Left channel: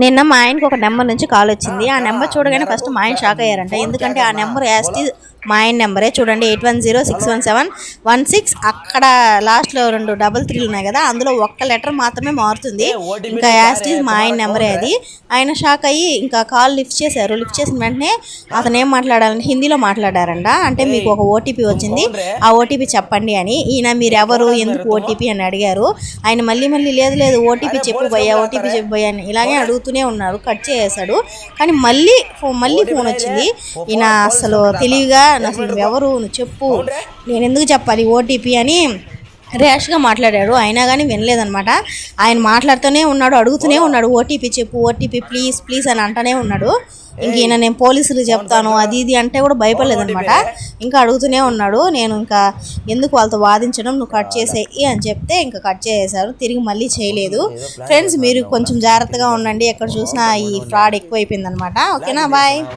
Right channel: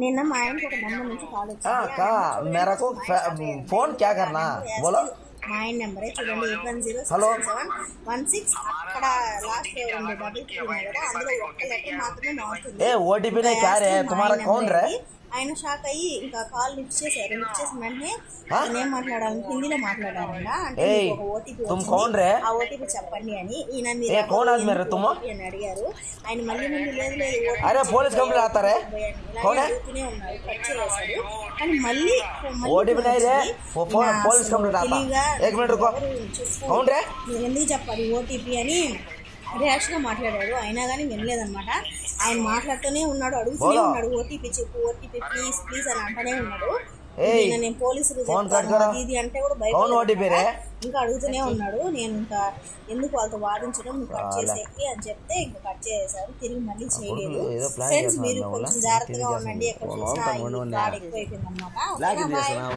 నిన్న మా ఆయనకి ఒక నెంబర్ నుంచి కాల్ వచ్చింది. ఆ నెంబర్ చూడగానే ఫస్ట్ మా ఆయన షాక్ అయ్యారంట. ఎందుకంటే ఆ నెంబర్ యాస్టీ మా ఆయన నెంబరే. చూడండి 81061716. అక్కడ లాస్ట్లో 2 3 ఉన్నాయి కదా, అందులో ఒక్క లెటర్ మాత్రమే మారుతుంది. ఇంకా యాస్టీ మా ఆయన నెంబరే అది. ఆయన షాక్ అయ్యి ఇంకా కాల్ లిఫ్ట్ చేశారు. లిఫ్ట్ చేసిన వెంటనే అతను ఏం మాట్లాడాలంటే హిందీలో మాట్లాడారంట. అంటే మీకు ఒక ఓటీపీ వచ్చింది, ఆ ఓటీపీ చెప్పండి అని. ఈయన మీరు ఎవరు, ఎందుకు ఓటీపీ అని అడిగారు. ఆయన మళ్ళీ లేదు ఓటీపీ చెప్పిపోయా, ఓటీపీ చెప్పిపోయా అని ఇలాగే అడుగుతూనే ఉన్నారు. కట్ చేసేసాడు. కానీ మళ్ళీ ఫోన్ వచ్చింది. ఈయన అసలు తెలివిగా అసలు ఎవరు నువ్వు చెప్పు, నేను ఎందుకు చెప్పాలి ఓటీపీ అని ర్యాష్గా మాట్లాడాడు. అయినా కానీ వినలేదనమాట. ఆయన మాట్లాడుతూనే ఉన్నాడు, అడుగుతూనే ఉన్నాడు ఓటీపీ చెప్పు, ఓటీపీ ప్లీజ్ ప్లీజ్ అని అంటూనే ఉన్నాడు. ఇంక ఈయన నేను పోలీసులు చెప్తాను అది ఇది అంటే కూడా భయపడలేదనమాట. ఇంకా అడుగుతూనే ఉన్నాడు. నేను ఇంకా ఎందుకు వాళ్ళతో వాదించడం, నువ్వు కట్ చేసేయి అని చెప్తే ఇంకా కట్ చేసేసారు. తిరిగి మళ్ళీ చేయలేదు. ఫ్రెండ్స్ మీరు కొంచెం జాగ్రత్తగా ఉండండి, ఎక్కడ చూసినా ఈ ఫ్రాడ్ ఎక్కువైపోయింది అనమాట. ఓకేనా, బాయ్.